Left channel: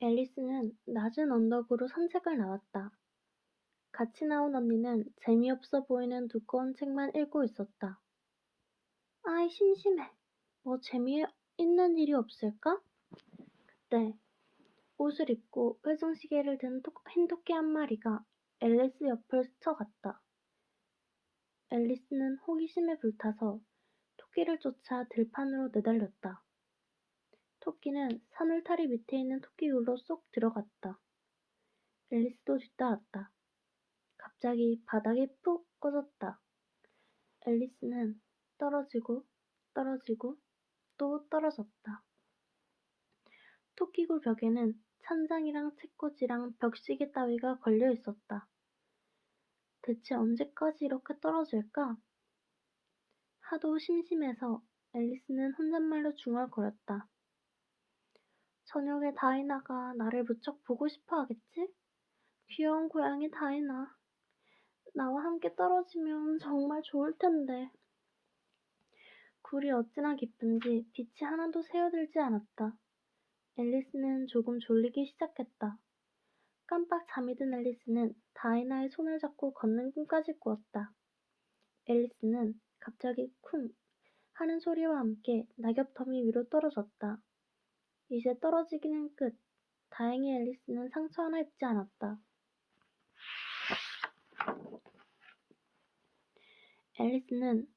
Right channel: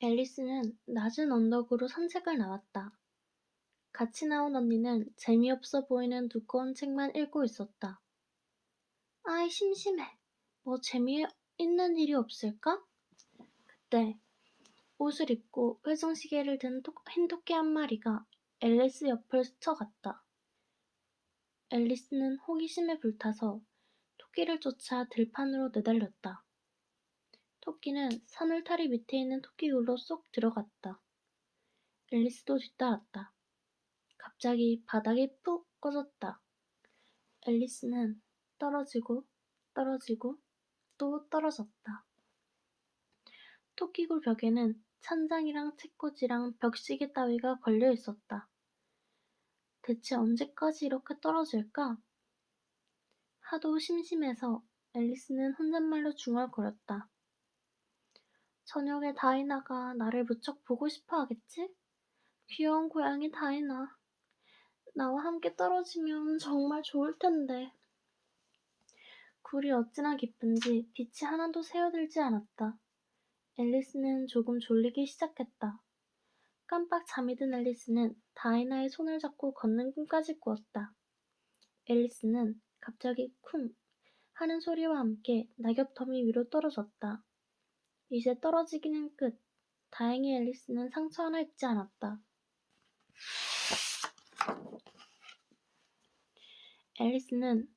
앨리스는 낮은 언덕으로 산책을 나왔다. 같이 나온 언니는 재미없어 보이는 두꺼운 책만 읽고 있었다. 아이, 심심해. 뭐 재미있는 일이 없을까? 그때 옷을 입고 회전시계를 든 흰 토끼 한 마리가 앨리스 옆을 스쳐갔다. 앨리스는 호기심에 불타서 토끼를 쫓아 들판으로 내달렸다. 토끼는 산울타리 밑에 있는 토끼굴로 쏙 들어갔다. 앨리스도 뒤따랐다. 갑자기 바닥이 푹 꺼졌다. 앨리스는 떨어지고 떨어지고 또 떨어졌다. 토끼굴 벽에는 찬장이랑 책꽂이랑 벽시계 따위가 걸려 있었다. 대체 언제까지 이렇게 떨어질까? 하도 심심해서 앨리스는 혼잣말로 중얼거렸다. 저녁에 다이나가 나를 무척 보고 싶어 하겠지? 귀여운 고양이 다이나. 나와 함께 떨어지면 정말 좋을 텐데. 굴이 어찌나 깊은지 빛이 하나도 새어들지 않았다. 앨리스는 조금 졸리기 시작했다. 깜빡 잠이 든 앨리스는 다이나의 손을 잡고 걷는 꿈까지 꾸었다. 앨리스는 갑자기 쿵 하는 소리와 함께 낙엽 더미 위로 떨어졌다. 이제 떨어지기는 끝. 다행히 앨리스는 상처 하나 입지 않았다. 앨리스는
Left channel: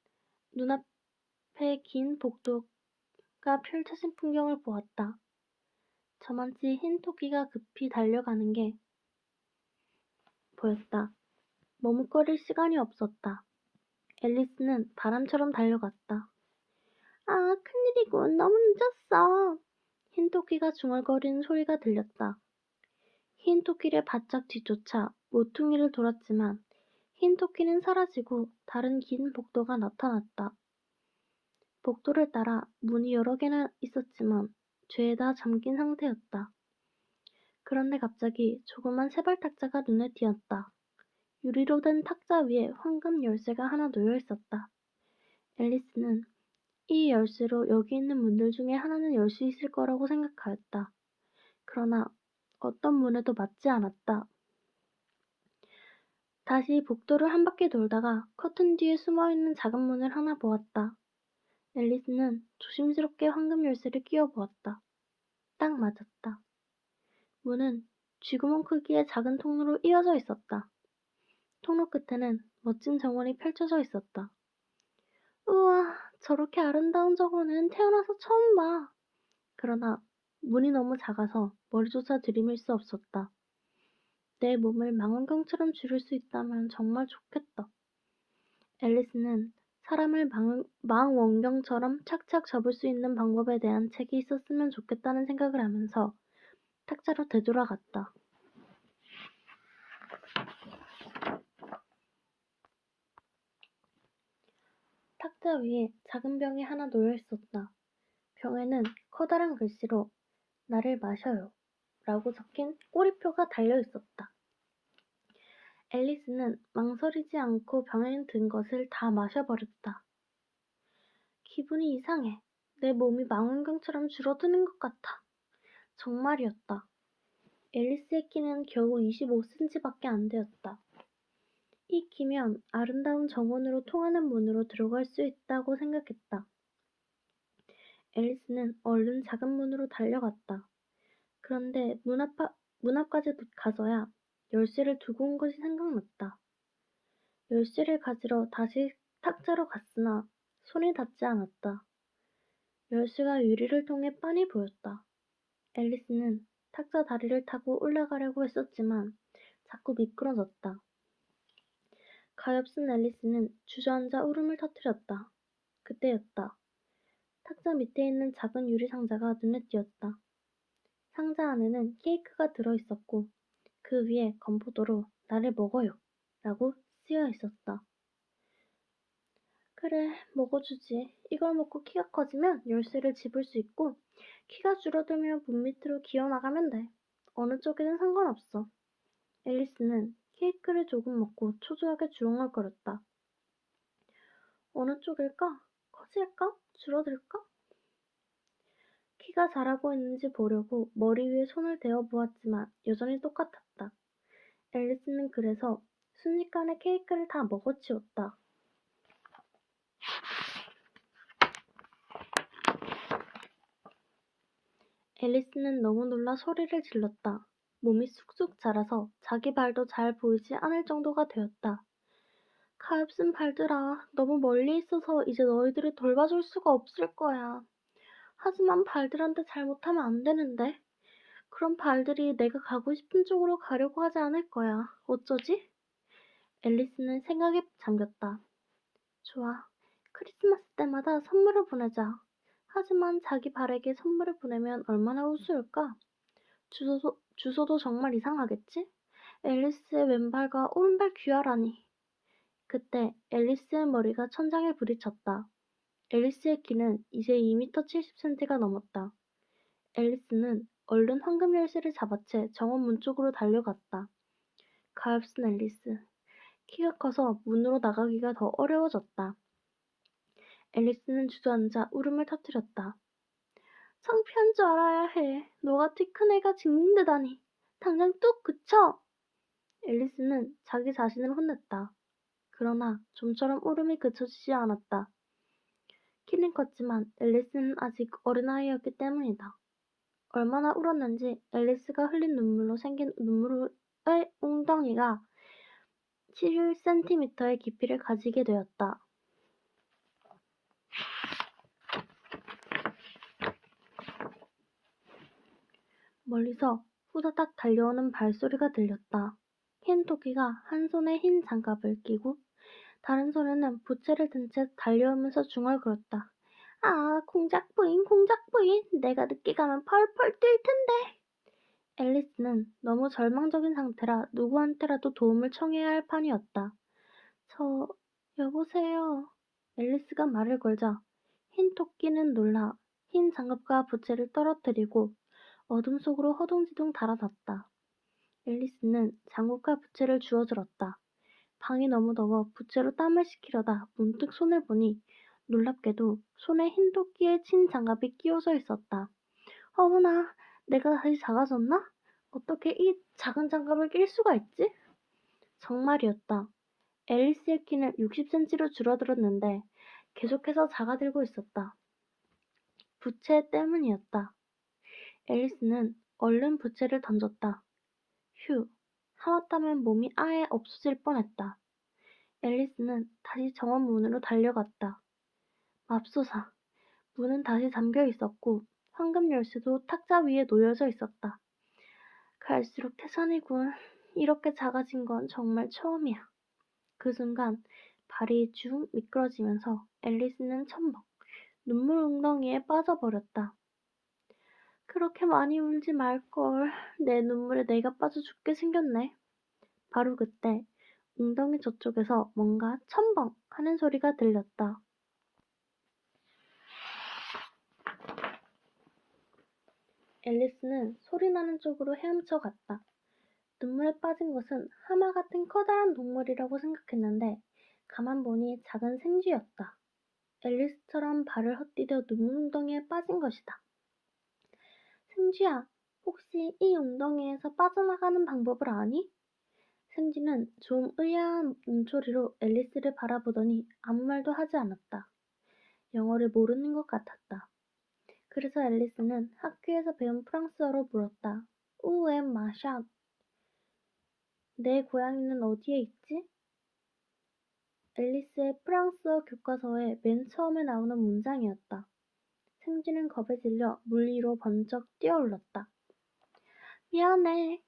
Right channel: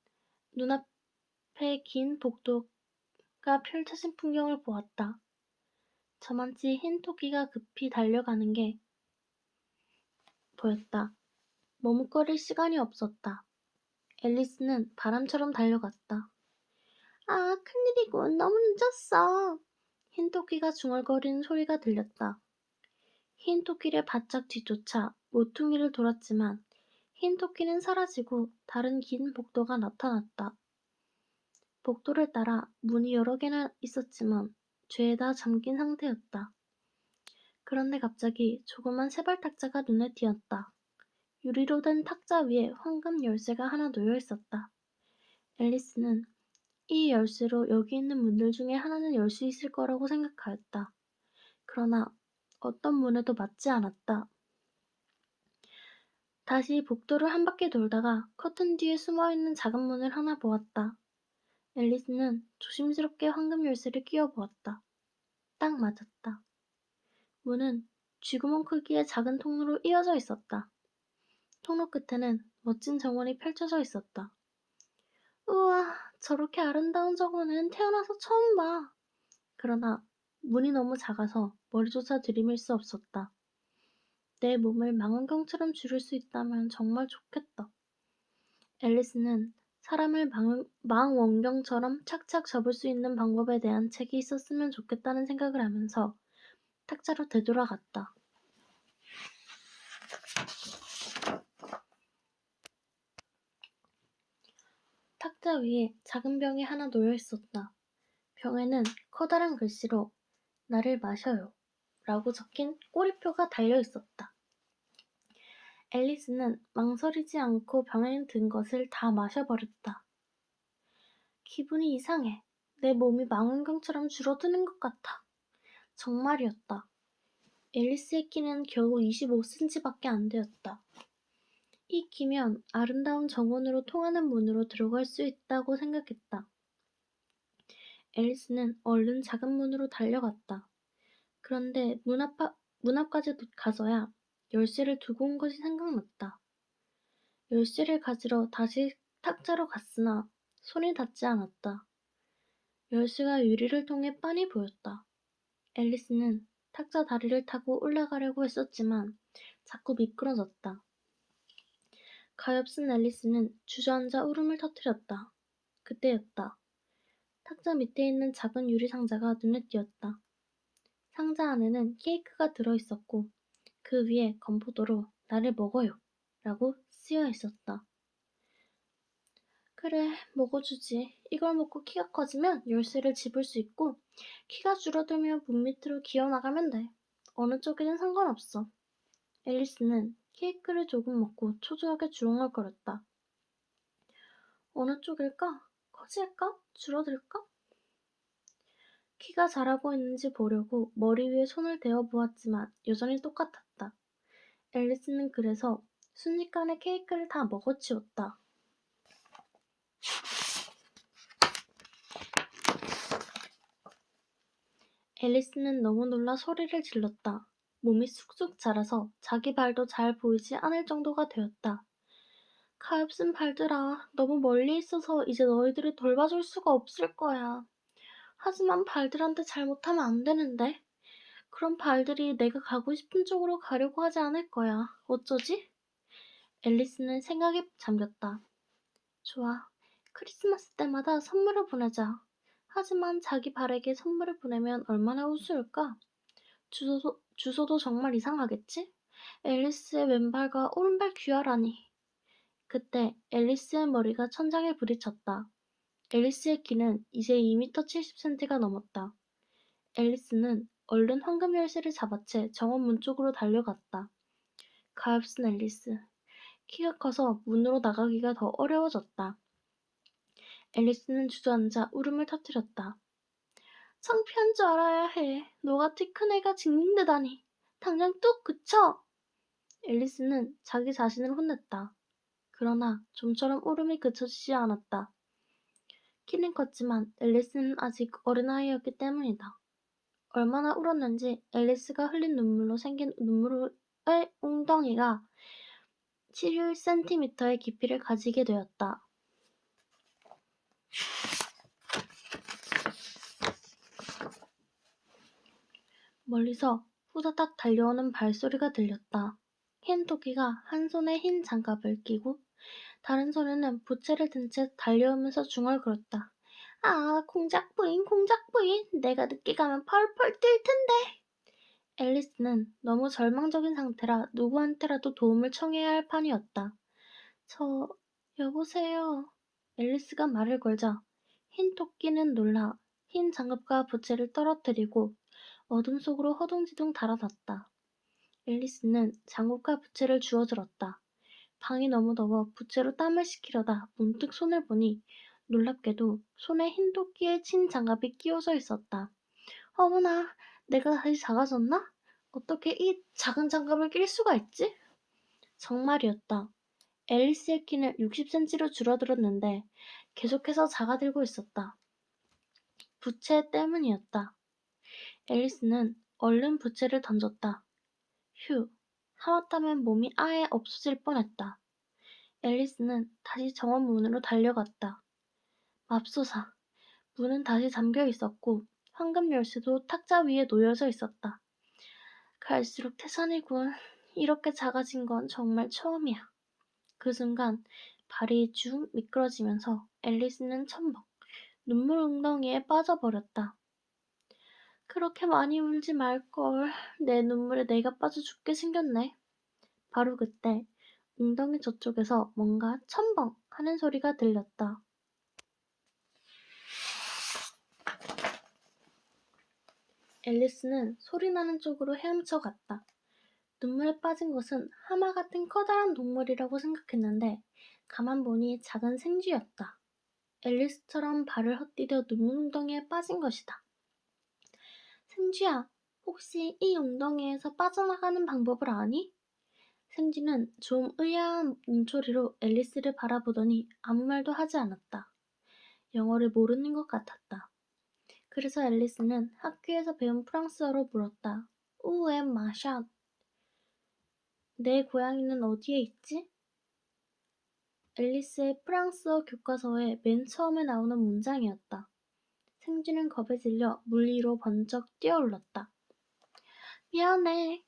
눈앞에 긴 복도가 펼쳐진 풍경을 보았다. 저만치 흰 토끼가 급히 달려가는 게 보였다. 머뭇거릴 시간이 없었다. 앨리스는 바람처럼 달려갔다. 아, 큰일이군. 너무 늦었어. 흰 토끼가 중얼거리는 소리가 들렸다. 흰 토끼를 바짝 뒤쫓아 모퉁이를 돌았지만 흰 토끼는 사라지고 다른 긴 복도가 나타났다. 복도를 따라 문이 여러 개나 있었지만 죄다 잠긴 상태였다. 그런데 갑자기 조그만 세발탁자가 눈에 띄었다. 유리로 된 탁자 위에 황금 열쇠가 하나 놓여 있었다. 앨리스는 이 열쇠로 여기 있는 문들 중에 하나는 열 수 있을 거라고 생각하였다. 그러나 어떤 문에도 맞지 않았다. 다시 복도를 한 바퀴 돌다가 커튼 뒤에 숨어있는 작은 문을 하나 보았다. 앨리스는 조심스럽게 황금 열쇠를 끼워 보았다. 딱 맞았다. 문은 쥐구멍 크기의 작은 통로로 이어져 있었다. 통로 끝에는 멋진 정원이 펼쳐져 있었다. 우와, 저렇게 아름다운 정원은 태어나서 처음 봐. 그러나 문이 너무 작아서 머리조차 들이밀 수 없었다. 내 몸을 망원경처럼 줄일 수 있다면 정말 좋겠다. 앨리스는 사람을 망원경처럼 착착 접을 수 있는 방법에 대한 책이 있었으면 좋겠다는 생각을 하면서 탁자로 되돌아갔다. 탁자 위에 작은 병이 하나 놓여 있었다. 병에는 커다란 글씨로 나를 마셔요 라고 적힌 꼬리표가 달려 있었다. 앨리스는 망설이지 않고 병에 든 것을 다 마셔버렸다. 기분이 이상해. 내 몸이 망원경처럼 줄어드는 것 같아. 정말이었다. 앨리스의 키는 겨우 25cm밖에 안 되었다. 이 키면 아름다운 정원으로 통하는 문으로 들어갈 수 있다고 생각했다. 앨리스는 얼른 작은 문으로 달려갔다. 그런데 문 앞까지 가서야 열쇠를 두고 온 것이 생각났다. 열쇠를 가지러 다시 탁자로 갔으나 손이 닿지 않았다. 열쇠가 유리를 통해 빤히 보였다. 앨리스는 탁자 다리를 타고 올라가려고 했었지만 자꾸 미끄러졌다. 가엾은 앨리스는 주저앉아 울음을 터뜨렸다. 그때였다. 탁자 밑에 있는 작은 유리 상자가 눈에 띄었다. 상자 안에는 케이크가 들어있었고 그 위에 건포도로 나를 먹어요 라고 쓰여 있었다. 그래, 먹어주지. 이걸 먹고 키가 커지면 열쇠를 집을 수 있고 키가 줄어들면 문 밑으로 기어나가면 돼. 어느 쪽이든 상관없어. 앨리스는 케이크를 조금 먹고 초조하게 주렁을거렸다. 어느 쪽일까? 커질까? 줄어들까? 키가 자라고 있는지 보려고 머리 위에 손을 대어 보았지만 여전히 똑같았다. 앨리스는 그래서 순식간에 케이크를 다 먹어치웠다. 앨리스는 너무 놀라 소리를 질렀다. 몸이 쑥쑥 자라서 자기 발도 잘 보이지 않을 정도가 되었다. 가엾은 발들아, 너무 멀리 있어서 이제 너희들을 돌봐줄 수가 없을 거야. 하지만 발들한테 잘못하면 안 되는데. 그럼 발들이 내가 가고 싶은 쪽으로 가려고 하지 않을 거야. 어쩌지? 앨리스는 생각에 잠겼다. 좋아. 크리스마스 때마다 선물을 보내자. 하지만 자기 발에게 선물을 보내면 얼마나 우스울까? 주소도 정말 이상하겠지? 앨리스의 왼발과 오른발 귀하라니. 그때 앨리스의 머리가 천장에 부딪혔다. 앨리스의 키는 이제 2m 70cm가 넘었다. 앨리스는 얼른 황금 열쇠를 잡아채 정원 문 쪽으로 달려갔다. 가엾은 앨리스. 키가 커서 문으로 나가기가 더 어려워졌다. 앨리스는 주저앉아 울음을 터뜨렸다. 창피한 줄 알아야 해. 너같이 큰 애가 징징대다니. 당장 뚝 그쳐! 앨리스는 자기 자신을 혼냈다. 그러나 좀처럼 울음이 그쳐지지 않았다. 키는 컸지만 앨리스는 아직 어린아이였기 때문이다. 얼마나 울었는지 앨리스가 흘린 눈물로 생긴 눈물의 웅덩이가 7cm의 깊이를 가지게 되었다. 멀리서 후다닥 달려오는 발소리가 들렸다. 흰 토끼가 한 손에 흰 장갑을 끼고 다른 손에는 부채를 든 채 달려오면서 중얼거렸다. 아, 공작 부인, 공작 부인, 내가 늦게 가면 펄펄 뛸 텐데. 앨리스는 너무 절망적인 상태라 누구한테라도 도움을 청해야 할 판이었다. 여보세요. 앨리스가 말을 걸자 흰 토끼는 놀라 흰 장갑과 부채를 떨어뜨리고 어둠 속으로 허둥지둥 달아났다. 앨리스는 장갑과 부채를 주워들었다. 방이 너무 더워 부채로 땀을 식히려다 문득 손을 보니 놀랍게도 손에 흰 토끼의 친 장갑이 끼워져 있었다. 어머나, 내가 다시 작아졌나? 어떻게 이 작은 장갑을 낄 수가 있지? 정말이었다. 앨리스의 키는 60cm로 줄어들었는데 계속해서 작아들고 있었다. 부채 때문이었다. 앨리스는 얼른 부채를 던졌다. 휴, 하마터면 몸이 아예 없어질 뻔했다. 앨리스는 다시 정원 문으로 달려갔다. 맙소사, 문은 다시 잠겨 있었고 황금 열쇠도 탁자 위에 놓여져 있었다. 갈수록 태산이군. 이렇게 작아진 건 정말 처음이야. 그 순간 발이 쭉 미끄러지면서 앨리스는 첨벙 눈물 웅덩이에 빠져버렸다. 그렇게 많이 울지 말걸. 내 눈물에 내가 빠져 죽게 생겼네. 바로 그때 웅덩이 저쪽에서 뭔가 첨벙 하는 소리가 들렸다. 앨리스는 소리나는 쪽으로 헤엄쳐 갔다. 눈물에 빠진 것은 하마 같은 커다란 동물이라고 생각했는데 가만 보니 작은 생쥐였다. 앨리스처럼 발을 헛디뎌 눈물 웅덩이에 빠진 것이다. 생쥐야, 혹시 이 웅덩이에서 빠져나가는 방법을 아니? 생쥐는 좀 의아한 눈초리로 앨리스를 바라보더니 아무 말도 하지 않았다. 영어를 모르는 것 같았다. 그래서 앨리스는 학교에서 배운 프랑스어로 물었다. 우에 마샷. 내 고양이는 어디에 있지? 앨리스의 프랑스어 교과서에 맨 처음에 나오는 문장이었다. 생쥐는 겁에 질려 물 위로 번쩍 뛰어올랐다. 미안해.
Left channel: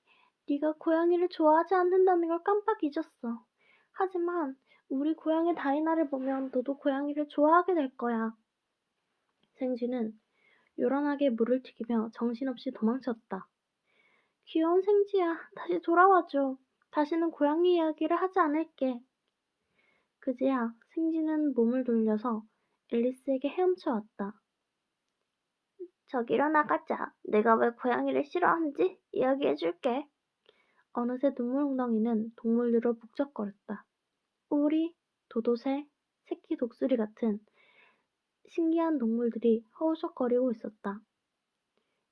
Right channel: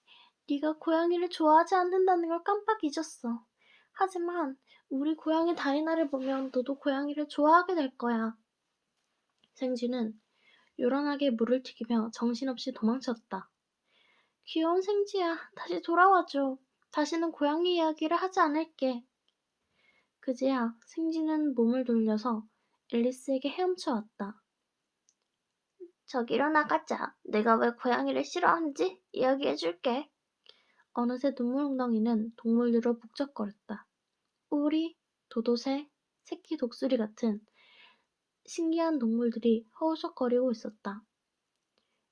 네가 고양이를 좋아하지 않는다는 걸 깜빡 잊었어. 하지만 우리 고양이 다이나를 보면 너도 고양이를 좋아하게 될 거야. 생쥐는 요란하게 물을 튀기며 정신없이 도망쳤다. 귀여운 생쥐야, 다시 돌아와줘. 다시는 고양이 이야기를 하지 않을게. 그제야 생쥐는 몸을 돌려서 앨리스에게 헤엄쳐 왔다. 저기로 나가자. 내가 왜 고양이를 싫어하는지 이야기해줄게. 어느새 눈물웅덩이는 동물들로 북적거렸다. 오리, 도도새, 새끼 독수리 같은 신기한 동물들이 허우적거리고 있었다.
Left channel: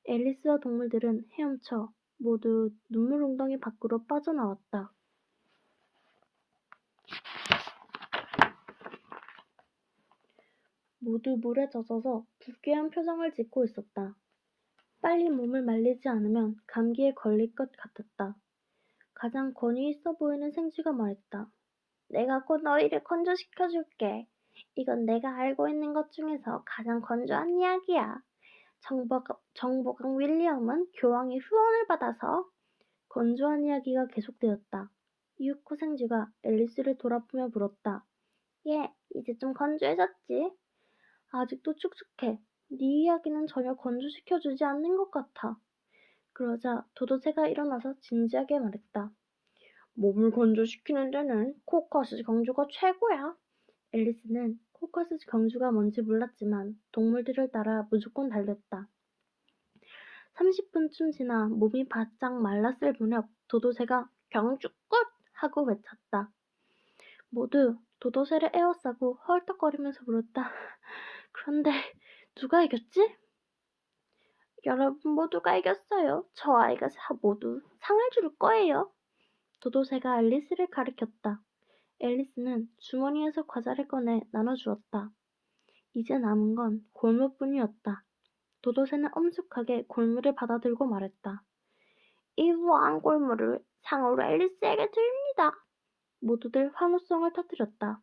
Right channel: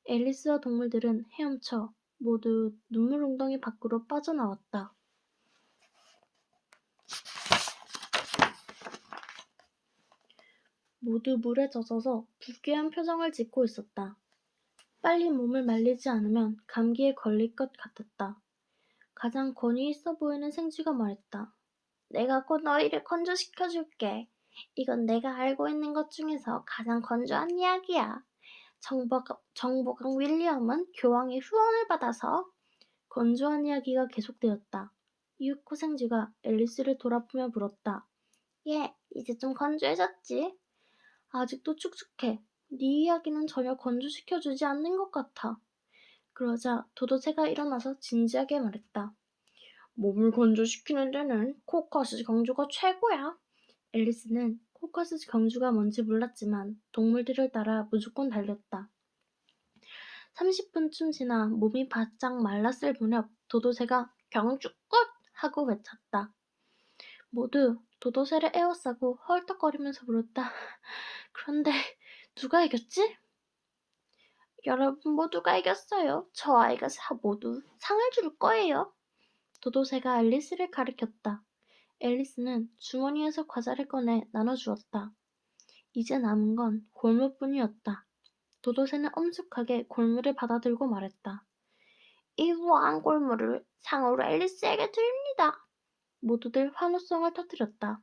앨리스와 동물들은 헤엄쳐 모두 눈물 웅덩이 밖으로 빠져나왔다. 모두 물에 젖어서 부귀한 표정을 짓고 있었다. 빨리 몸을 말리지 않으면 감기에 걸릴 것 같았다. 가장 권위 있어 보이는 생쥐가 말했다. 내가 곧 너희를 건조시켜줄게. 이건 내가 알고 있는 것 중에서 가장 건조한 이야기야. 정보강 윌리엄은 교황의 후원을 받아서 건조한 이야기가 계속되었다. 이윽고 생쥐가 앨리스를 돌아보며 물었다. 얘, 이제 좀 건조해졌지? 아직도 축축해. 네 이야기는 전혀 건조시켜주지 않는 것 같아. 그러자 도도새가 일어나서 진지하게 말했다. 몸을 건조시키는 데는 코카스 경주가 최고야. 앨리스는 코카스 경주가 뭔지 몰랐지만 동물들을 따라 무조건 달렸다. 30분쯤 지나 몸이 바짝 말랐을 무렵 도도새가 경주 끝! 하고 외쳤다. 모두 도도새를 에워싸고 헐떡거리면서 물었다. 그런데 누가 이겼지? 여러분 모두가 이겼어요. 저 아이가 모두 상을 줄 거예요. 도도새가 앨리스를 가리켰다. 앨리스는 주머니에서 과자를 꺼내 나눠주었다. 이제 남은 건 골무뿐이었다. 도도새는 엄숙하게 골무를 받아들고 말했다. 이 우아한 골무를 상으로 앨리스에게 드립니다. 모두들 환호성을 터뜨렸다.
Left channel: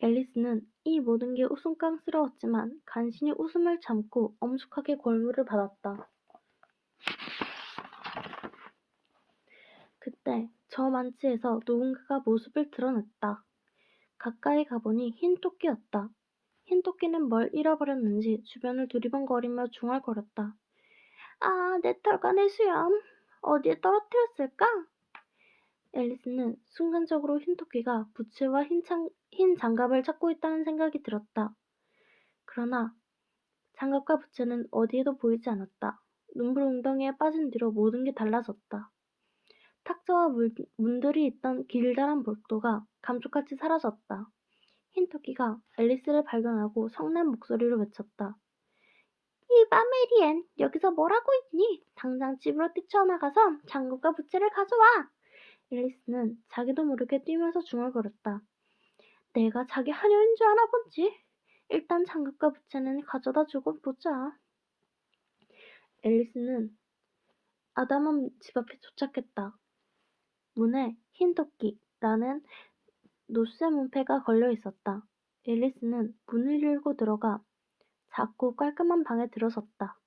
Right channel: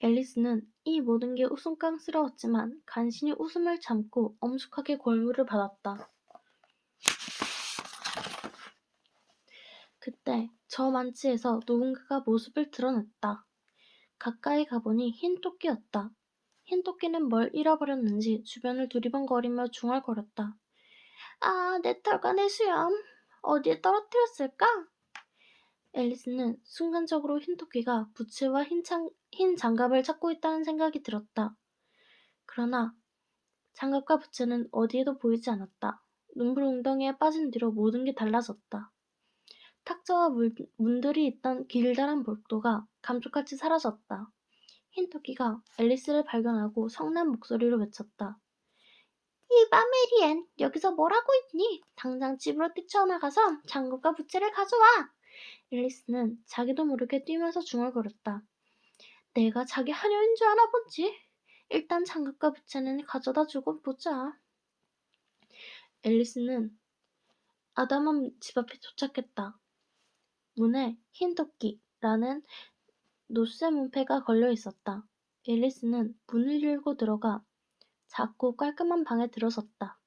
앨리스는 이 모든 게 웃음깡스러웠지만 간신히 웃음을 참고 엄숙하게 골무를 받았다. 그때 저 만치에서 누군가가 모습을 드러냈다. 가까이 가보니 흰 토끼였다. 흰 토끼는 뭘 잃어버렸는지 주변을 두리번거리며 중얼거렸다. 아, 내 털과 내 수염. 어디에 떨어뜨렸을까? 앨리스는 순간적으로 흰 토끼가 부츠와 흰 장갑을 찾고 있다는 생각이 들었다. 그러나 장갑과 부츠는 어디에도 보이지 않았다. 눈물 웅덩이에 빠진 뒤로 모든 게 달라졌다. 탁자와 문들이 있던 길다란 복도가 감쪽같이 사라졌다. 흰 토끼가 앨리스를 발견하고 성난 목소리로 외쳤다. 이봐 메리앤, 여기서 뭘 하고 있니? 당장 집으로 뛰쳐나가서 장갑과 부채를 가져와. 앨리스는 자기도 모르게 뛰면서 중얼거렸다. 내가 자기 하녀인 줄 아나 본지? 일단 장갑과 부채는 가져다 주고 보자. 앨리스는 아담한 집 앞에 도착했다. 문에 흰 토끼라는 노쇠 문패가 걸려 있었다. 앨리스는 문을 열고 들어가 작고 깔끔한 방에 들어섰다.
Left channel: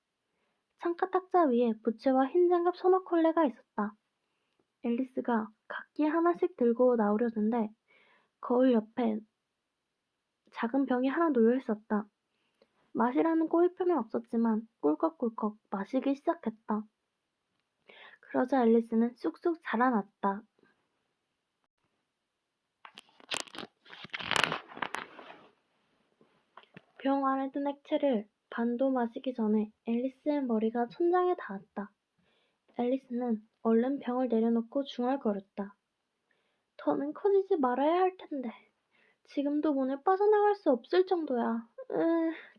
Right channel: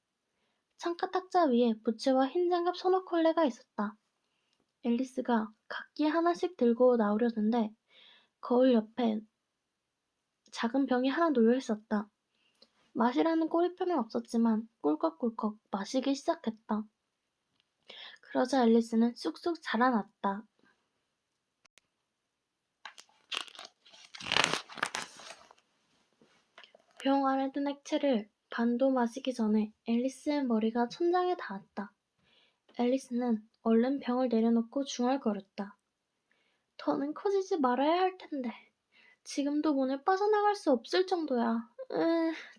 창가 탁자 위에 부채와 흰 장갑 소노콜레가 있었다. 앨리스가 각기 하나씩 들고 나오려는데 거울 옆에 작은 병이 하나 놓여 있었다. 마시라는 꼬리표는 없었지만 꿀꺽꿀꺽 마시기 시작했다. 그러자 앨리스는 쑥쑥 자라났다. 병 안에 든 액체를 반도 마시기 전에 앨리스의 머리가 천장에 닿았다. 앨리스는 얼른 병을 내려놓고 중얼거렸다. 더는 커지지 말아야 할 텐데. 지금도 문을 빠져나갈 수 없을 정도야.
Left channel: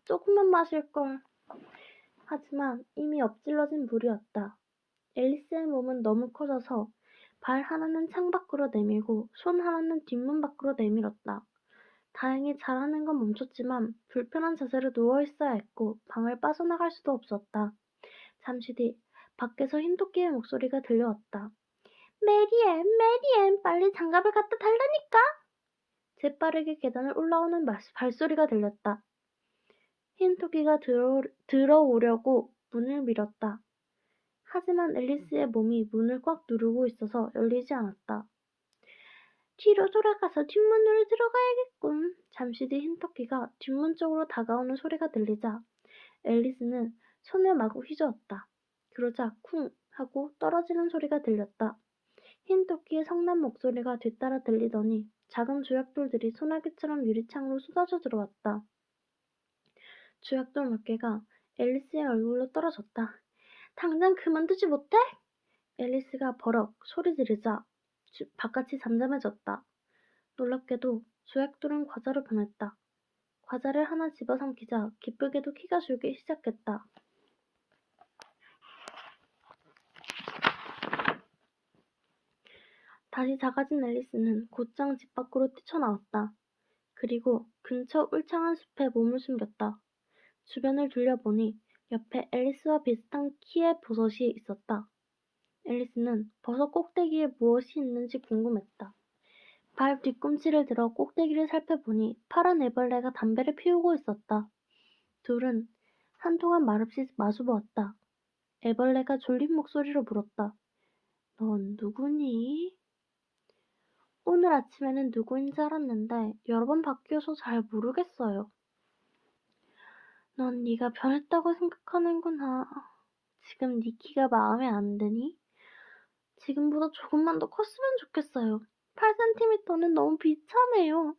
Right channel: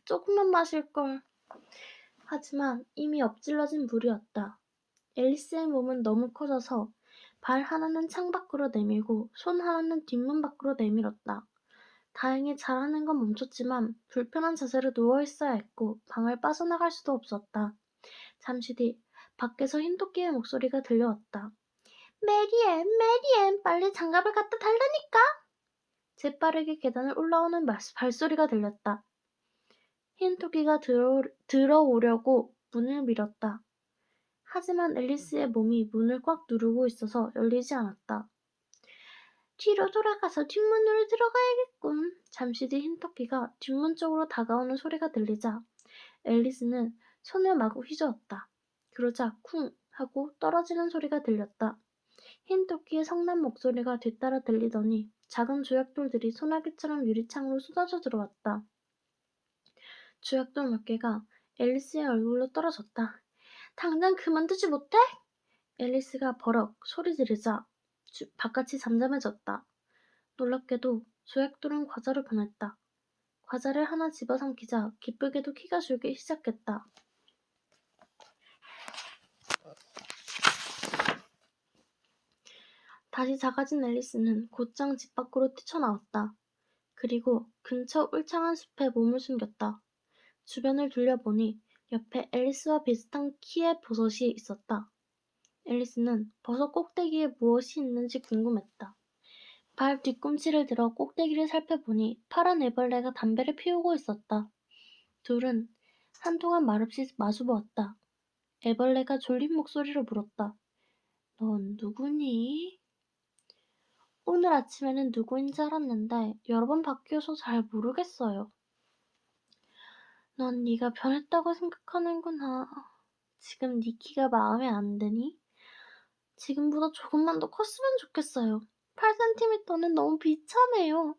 조금만 마실걸. 하지만 이미 엎질러진 물이었다. 앨리스의 몸은 너무 커져서 발 하나는 창밖으로 내밀고 손 하나는 뒷문 밖으로 내밀었다. 다행히 자라는 건 멈췄지만 불편한 자세로 누워있어야 했고 방을 빠져나갈 수도 없었다. 잠시 뒤 밖에서 흰토끼의 목소리가 들려왔다. 메리앤, 빨리 장갑을 갖다 달라니까! 재빠르게 계단을 올라오는 발소리가 들렸다. 흰토끼가 들어오려고 문을 밀었다. 하지만 앨리스의 몸이 문을 꽉 누르고 있어서 열리지 않았다. 뒤로 돌아가서 뒷문으로 들어가야겠군. 잠시 뒤 흰토끼가 뒷문 쪽으로 다가오는 소리가 들리자 앨리스는 손을 마구 휘저었다. 그러자 쿵 하고 떨어지는 소리가 들렸다. 흰토끼의 성난 목소리가 뒤따라 들리더니 작은 조약돌들이 소나기처럼 유리창으로 쏟아져 들어왔다. 조약돌 몇 개가 앨리스의 얼굴로 떨어졌다. 당장 그만두지 못해? 앨리스가 버럭 소리 지르자 바깥이 잠잠해졌다. 놀랍게도 조약돌은 과자로 변했다. 과자를 하나 집어삼키자 기쁘게도 키가 줄기 시작했다. 다시 작아진 앨리스는 곧장 집 밖으로 뛰쳐나왔다. 그리고 근처 울창한 숲에 몸을 숨겼다. 주변을 둘러보니 옆에 앨리스와 비슷한 키의 버섯이 있었다. 앨리스는 버섯 꼭대기에 무엇이 있는지 궁금했다. 발 뒤꿈치를 들어 꼭대기를 살펴보니 파란 애벌레가 담배를 피우고 있었다. 둘은 한동안 말없이 마주보았다. 애벌레가 졸린 목소리로 물었다. 넌 누구니? 오늘 아침에는 누구인지 알았는데 여러 번 바뀌어서 잘 모르겠어요. 넌 네가 변했다고 생각하는구나. 지금 네 키가 마음에 안 드니? 지금보다 조금만 더 컸으면 좋겠어요. 8cm는 너무 비참해요.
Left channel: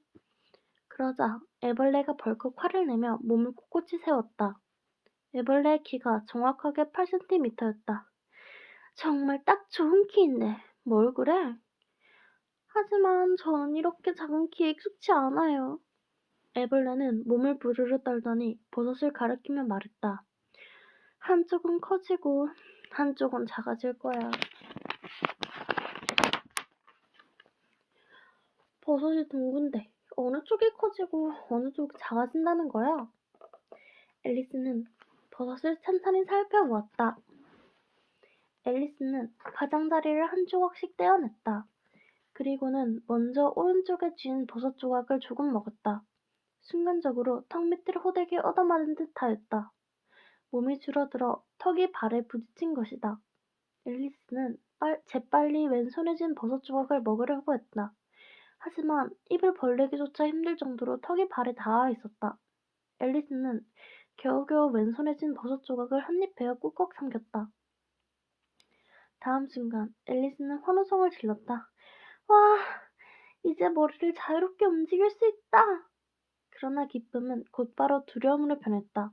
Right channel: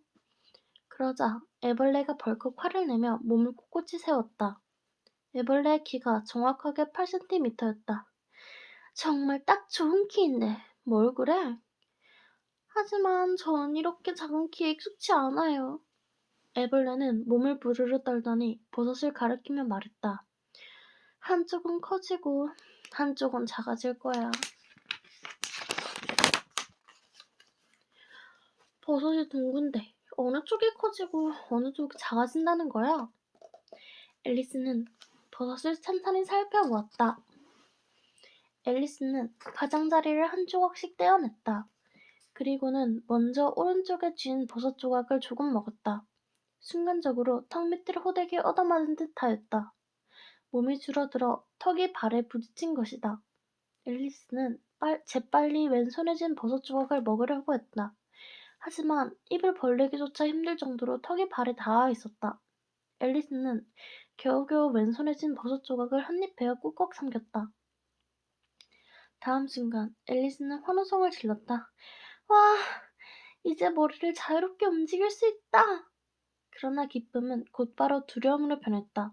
그러자 애벌레가 벌컥 화를 내며 몸을 꼿꼿이 세웠다. 애벌레의 키가 정확하게 8cm였다. 정말 딱 좋은 키인데 뭘 그래? 하지만 전 이렇게 작은 키에 익숙치 않아요. 애벌레는 몸을 부르르 떨더니 버섯을 가리키며 말했다. 한쪽은 커지고 한쪽은 작아질 거야. 버섯이 둥근데 어느 쪽이 커지고 어느 쪽이 작아진다는 거야? 앨리스는 버섯을 찬찬히 살펴보았다. 앨리스는 가장자리를 한 조각씩 떼어냈다. 그리고는 먼저 오른쪽에 쥔 버섯 조각을 조금 먹었다. 순간적으로 턱 밑을 호되게 얻어맞은 듯하였다. 몸이 줄어들어 턱이 발에 부딪힌 것이다. 앨리스는 재빨리 왼손에 쥔 버섯 조각을 먹으려고 했다. 하지만 입을 벌리기조차 힘들 정도로 턱이 발에 닿아 있었다. 앨리스는 겨우겨우 왼손에 쥔 버섯 조각을 한 입 베어 꾹꾹 삼켰다. 다음 순간 앨리스는 환호성을 질렀다. 와, 이제 머리를 자유롭게 움직일 수 있다. 그러나 기쁨은 곧바로 두려움으로 변했다.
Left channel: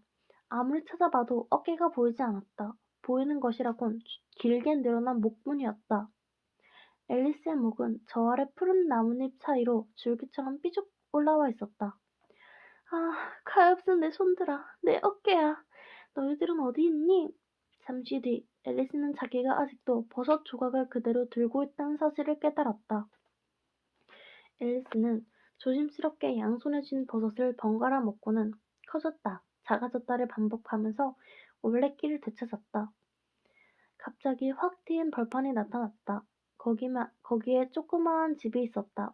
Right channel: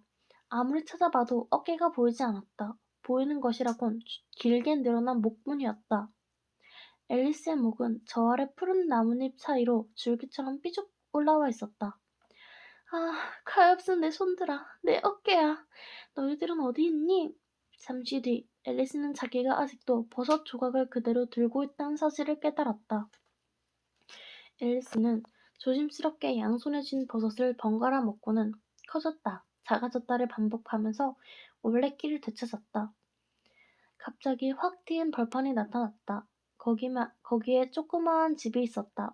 아무리 찾아봐도 어깨가 보이지 않았다. 보이는 것이라곤 길게 늘어난 목뿐이었다. 앨리스의 목은 저 아래 푸른 나뭇잎 사이로 줄기처럼 삐죽 올라와 있었다. 아, 가엾은 내 손들아, 내 어깨야. 너희들은 어디 있니? 잠시 뒤 앨리스는 자기가 아직도 버섯 조각을 그대로 들고 있다는 사실을 깨달았다. 앨리스는 조심스럽게 양손에 쥔 버섯을 번갈아 먹고는 커졌다, 작아졌다를 반복하면서 올레길을 되찾았다. 갑자기 확 트인 벌판이 나타났다. 거기에 조그마한 집이 있었다.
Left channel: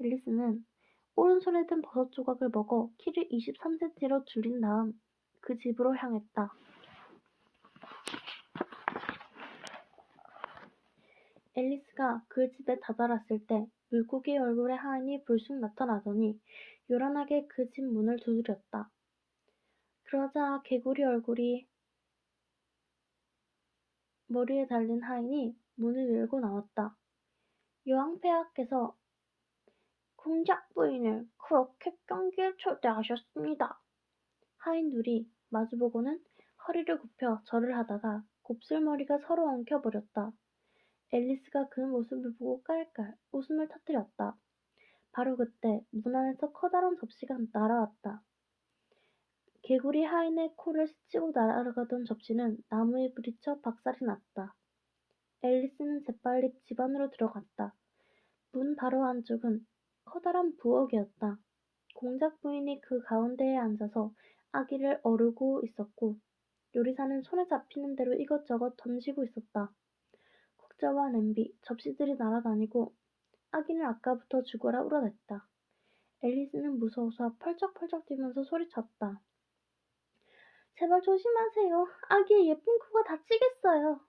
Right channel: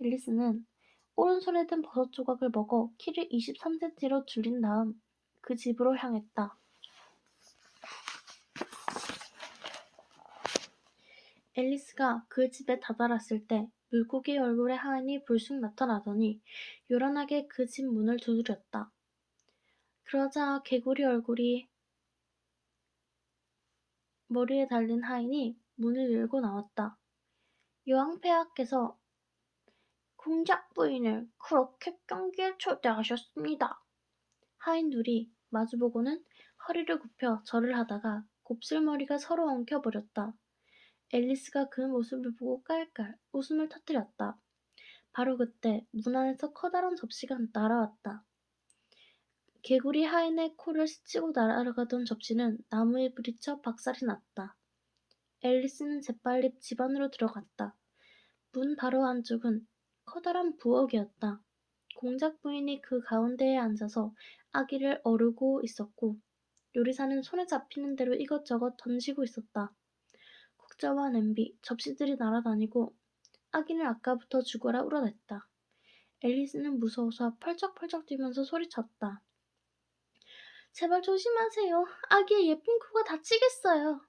앨리스는 오른손에 든 버섯 조각을 먹어 키를 23cm로 줄인 다음 그 집으로 향했다. 앨리스가 그 집에 다다랐을 때 물고기 얼굴의 하인이 불쑥 나타나더니 요란하게 그 집 문을 두드렸다. 그러자 개구리 얼굴이 머리에 달린 하인이 문을 열고 나왔다. 여왕폐하께서 공작 부인을 그렇게 경기에 초대하셨습니다. 하인 둘이 마주보고는 허리를 굽혀 절을 하다가 곱슬머리가 서로 엉켜버렸다. 앨리스가 그 모습을 보고 깔깔 웃음을 터뜨렸다. 바로 그때 문 안에서 커다란 접시가 날아왔다. 개구리 하인의 코를 스치고 날아가던 접시는 나무에 부딪혀 박살이 났다. 앨리스는 재빨리 집 안으로 들어갔다. 문 바로 안쪽은 커다란 부엌이었다. 공작 부인이 그 가운데에 앉아서 아기를 어르고 있었고 요리사는 손에 잡히는 대로 이것저것 던지고 있었다. 국자와 냄비, 접시들이 날아다니고 아기는 아까부터 죽어라 울어댔다. 앨리스는 무서워서 펄쩍펄쩍 뛰면서 소리쳤다. 제발 조심하세요. 아기의 예쁜 코가 다치겠어요.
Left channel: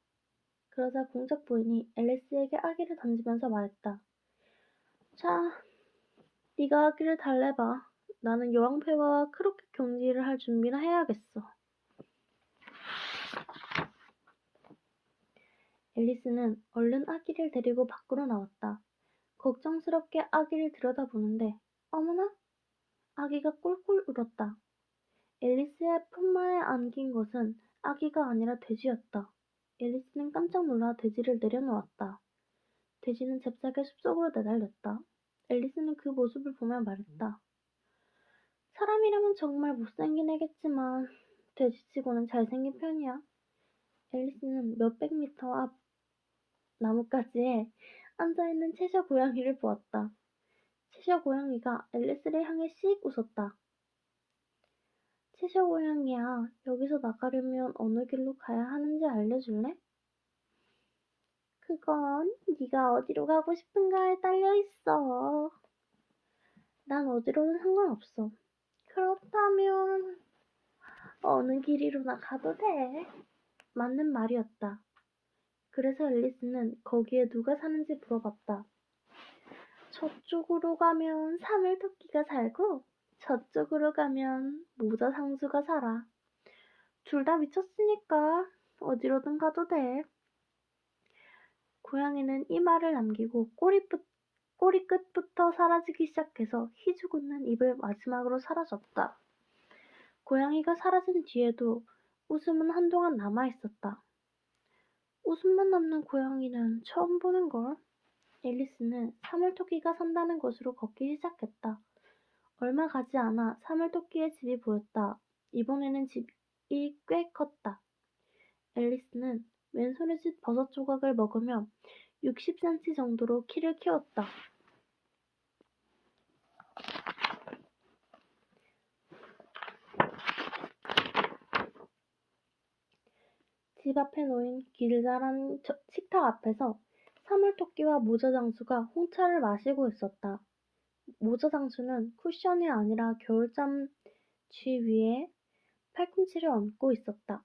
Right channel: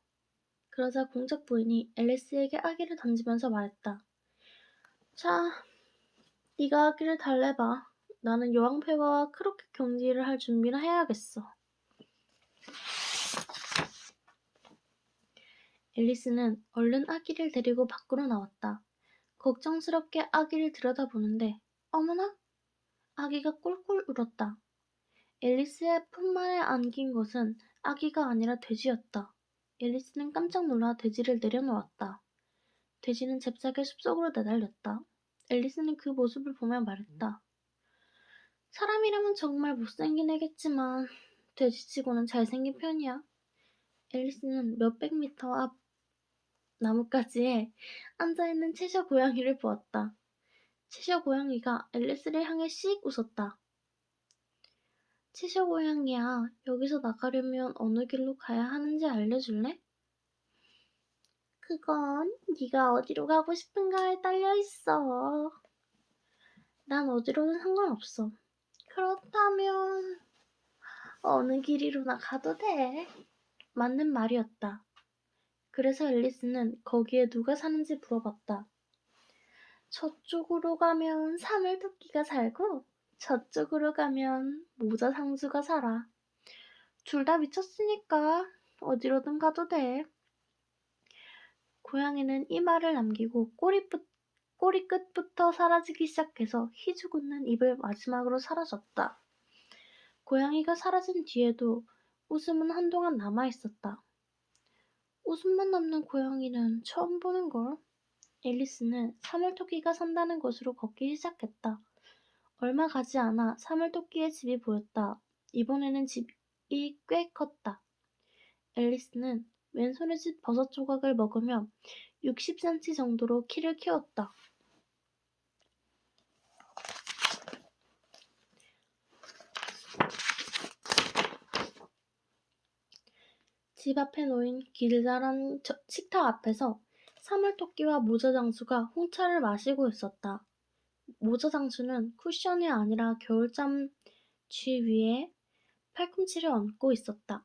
그러자 공작 부인이 앨리스에게 아기를 던지면서 말했다. 자, 네가 아기를 달래봐. 나는 여왕폐하와 그렇게 경기를 할 준비나 해야겠어. 앨리스는 얼른 아기를 데리고 밖으로 나왔다. 걱정스럽게 아기를 들여다보는데 어머나! 아기가 꿀꿀 울었다. 앨리스의 품만에 안긴 것은 아기가 아니라 돼지였다. 앨리스는 깜짝 놀라 돼지를 내려놓았다. 돼지는 잽싸게 숲속으로 내달렸다. 앨리스는 그 모습을 보며 말했다. 사람이라면 정말 못생긴 애겠지만 돼지치고는 잘생긴 편이야. 앨리스는 몇백 미터 앞 나뭇가지에 앉아있는 채셔 고양이를 보았다. 채셔 고양이가 앨리스를 향해 씩 웃었다. 채셔 고양이야, 여기서 나가려면 어느 길로 가야 하는지 알려줄래? 그건 네가 어디로 가고 싶은가에 딸려있어. 난 어디로든 상관없어. 그렇다면 어느 길이로나 가도 돼. 맞는 말이었다. 그래서 앨리스는 거기에 누가 사는지 물어봤다. 저쪽으로 가면 사물토끼가 살고 저쪽으로 가면 모자 상수가 살아. 둘 다 미쳤으니까 어디로든 가도 돼. 고양이는 이 말을 남기고 꼬리 끝부터 사라지기 시작해서 희죽 웃는 입을 마지막으로 사라졌다. 고양이가 사라진 뒤에도 웃음은 한동안 남아있었다. 웃음만 남는 고양이는 처음 보는걸. 앨리스는 사물토끼가 산다는 곳으로 걷기 시작했다. 얼마 가지 않아 사물토끼의 집이 보였다. 이번에는 집이 꽤 컸다. 앨리스는 왼손에 집 버섯 조각을 먹으며 60cm 정도로 키를 키웠다. 집 앞에 놓인 길다란 식탁 앞에서 사물토끼와 모자장수가 홍차를 마시고 있었다. 모자장수는 쿠션이 아니라 겨울잠 쥐 위에 팔꿈치를 얹고 있었다.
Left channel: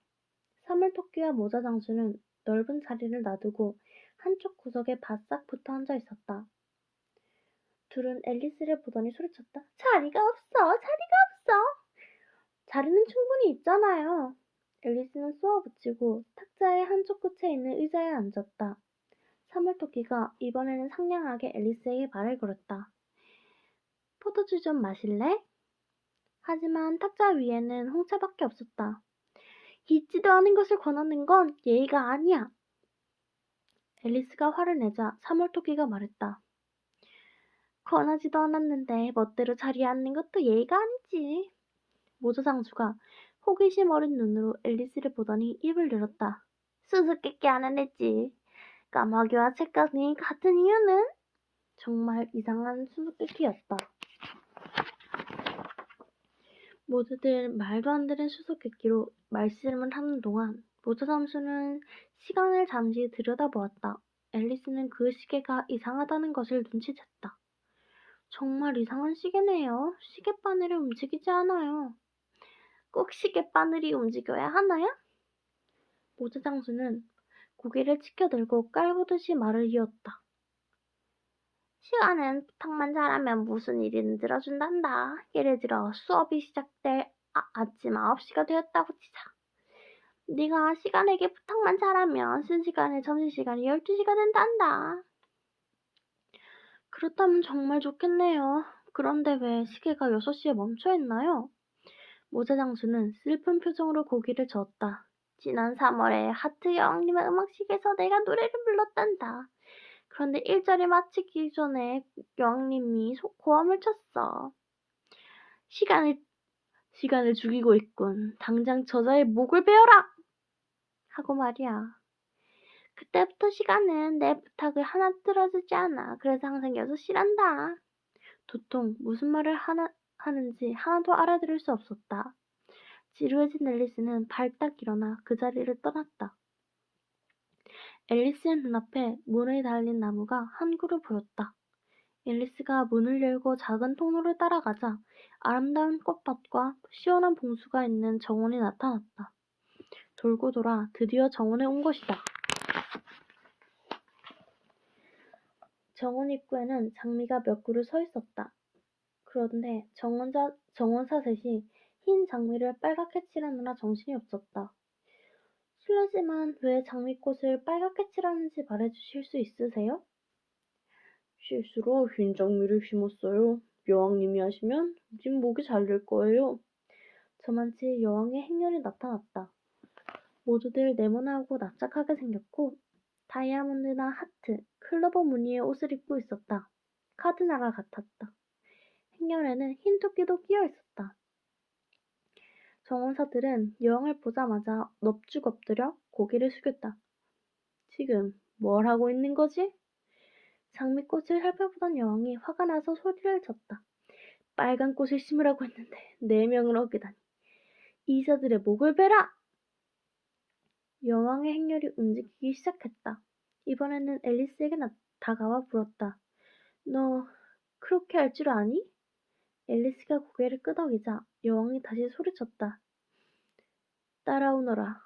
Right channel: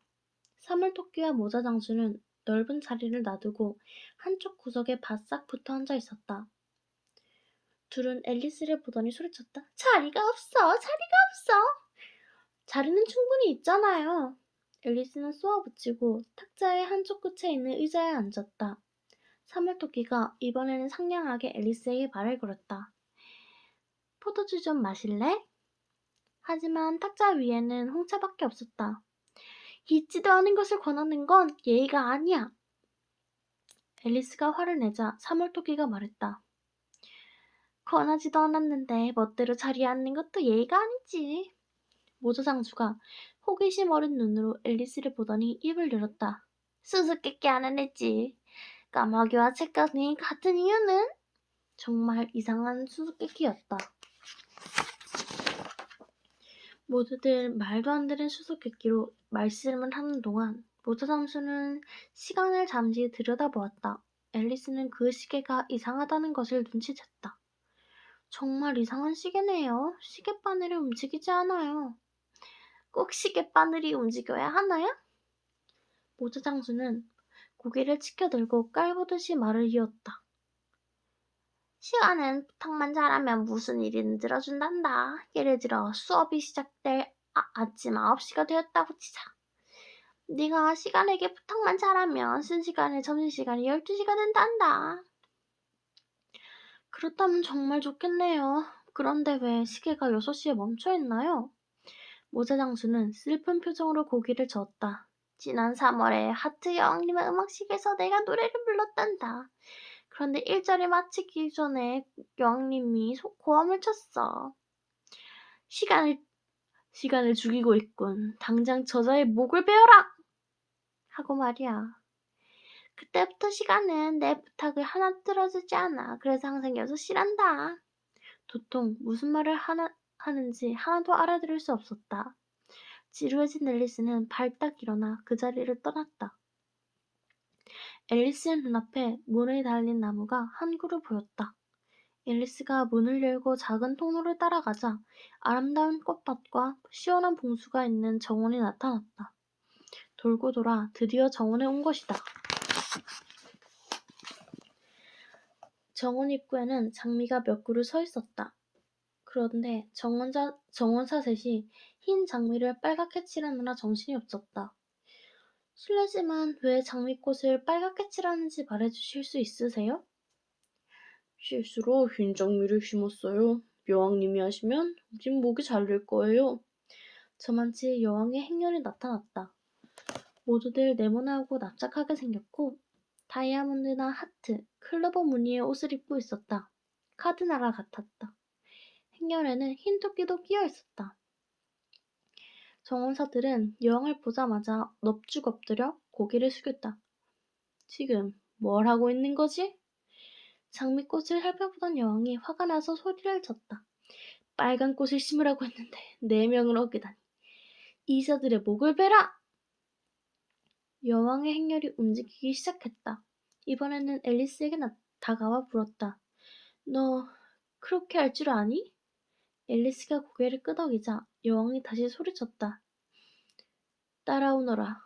사물토끼와 모자장수는 넓은 자리를 놔두고 한쪽 구석에 바싹 붙어 앉아 있었다. 둘은 앨리스를 보더니 소리쳤다. 자리가 없어! 자리가 없어! 자리는 충분히 있잖아요. 앨리스는 쏘아붙이고 탁자의 한쪽 끝에 있는 의자에 앉았다. 사물토끼가 이번에는 상냥하게 앨리스에게 말을 걸었다. 포도주 좀 마실래? 하지만 탁자 위에는 홍차밖에 없었다. 있지도 않은 것을 권하는 건 예의가 아니야. 앨리스가 화를 내자 사물토끼가 말했다. 권하지도 않았는데 멋대로 자리에 앉는 것도 예의가 아니지. 모자장수가 호기심 어린 눈으로 앨리스를 보더니 입을 열었다. 수수께끼 하는 애지. 까마귀와 책가능이 같은 이유는? 정말 이상한 수수께끼였다. 모두들 말도 안 되는 수수께끼로 말씀을 하는 동안 모자장수는 시간을 잠시 들여다보았다. 앨리스는 그 시계가 이상하다는 것을 눈치챘다. 정말 이상한 시계네요. 시계바늘이 움직이지 않아요. 꼭 시계바늘이 움직여야 하나요? 모자장수는 고개를 치켜들고 깔보듯이 말을 이었다. 시간은 부탁만 잘하면 무슨 일이든 들어준단다. 예를 들어 수업이 시작될 아침 9시가 되었다고 치자. 네가 시간에게 부탁만 잘하면 순시간에 점심시간이 12시가 된단다. 그렇다면 정말 좋겠네요. 그런데 왜 시계가 6시에 멈춰있나요? 모자장수는 슬픈 표정으로 고개를 저었다. 지난 3월에 하트 여왕님의 음악식에서 내가 노래를 불렀단다. 그런데 1절이 마치기 전에 여왕님이 고함을 쳤어. 시간을 죽이고 있군. 당장 저자의 목을 베어라! 하고 말이야. 그때부터 시간은 내 부탁을 하나 들어주지 않아. 그래서 항상 6시란다. 도통 무슨 말을 하는지 하나도 알아들을 수 없었다. 지루해진 앨리스는 발딱 일어나 그 자리를 떠났다. 앨리스의 눈앞에 문에 달린 나무가 한 그루 보였다. 앨리스가 문을 열고 작은 통로를 따라가자 아름다운 꽃밭과 시원한 봉수가 있는 정원이 나타났다. 돌고 돌아 드디어 정원에 온 것이다. 정원 입구에는 장미가 몇 그루 서 있었다. 그런데 정원사 셋이 흰 장미를 빨갛게 칠하느라 정신이 없었다. 실례지만 왜 장미꽃을 빨갛게 칠하는지 말해주실 수 있으세요? 실수로 흰 장미를 심었어요. 여왕님이 하시면 진 목이 잘릴 거예요. 저만치 여왕의 행렬이 나타났다. 모두들 네모나고 납작하게 생겼고 다이아몬드나 하트, 클로버 무늬의 옷을 입고 있었다. 카드나라 같았다. 행렬에는 흰 토끼도 끼어 있었다. 정원사들은 여왕을 보자마자 넙죽 엎드려 고개를 숙였다. 지금 뭘 하고 있는 거지? 장미꽃을 살펴보던 여왕이 화가 나서 소리를 쳤다. 빨간 꽃을 심으라고 했는데 4명을 어기다니. 이자들의 목을 베라! 여왕의 행렬이 움직이기 시작했다. 이번에는 앨리스에게 다가와 물었다. 너 그렇게 할 줄 아니? 앨리스가 고개를 끄덕이자 여왕이 다시 소리쳤다. 따라오너라.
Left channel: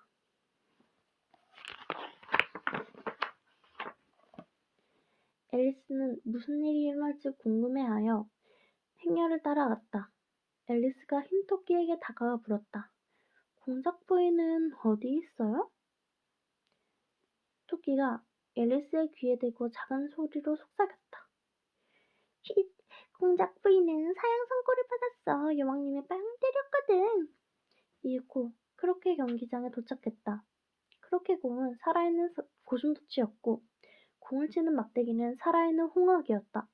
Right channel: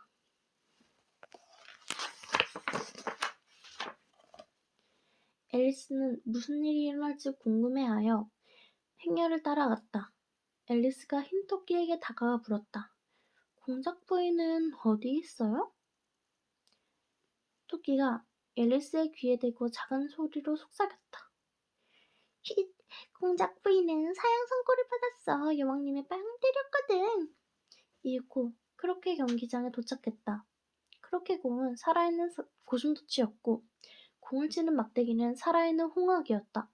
앨리스는 무슨 일이 일어날지 궁금해하여 행렬을 따라갔다. 앨리스가 흰 토끼에게 다가와 물었다. 공작 부인은 어디 있어요? 토끼가 앨리스의 귀에 대고 작은 소리로 속삭였다. 힛! 공작 부인은 사형 선고를 받았어. 여왕님이 빵 때렸거든. 이윽고 크로케 경기장에 도착했다. 크로케 공은 살아있는 고슴도치였고 공을 치는 막대기는 살아있는 홍학이었다.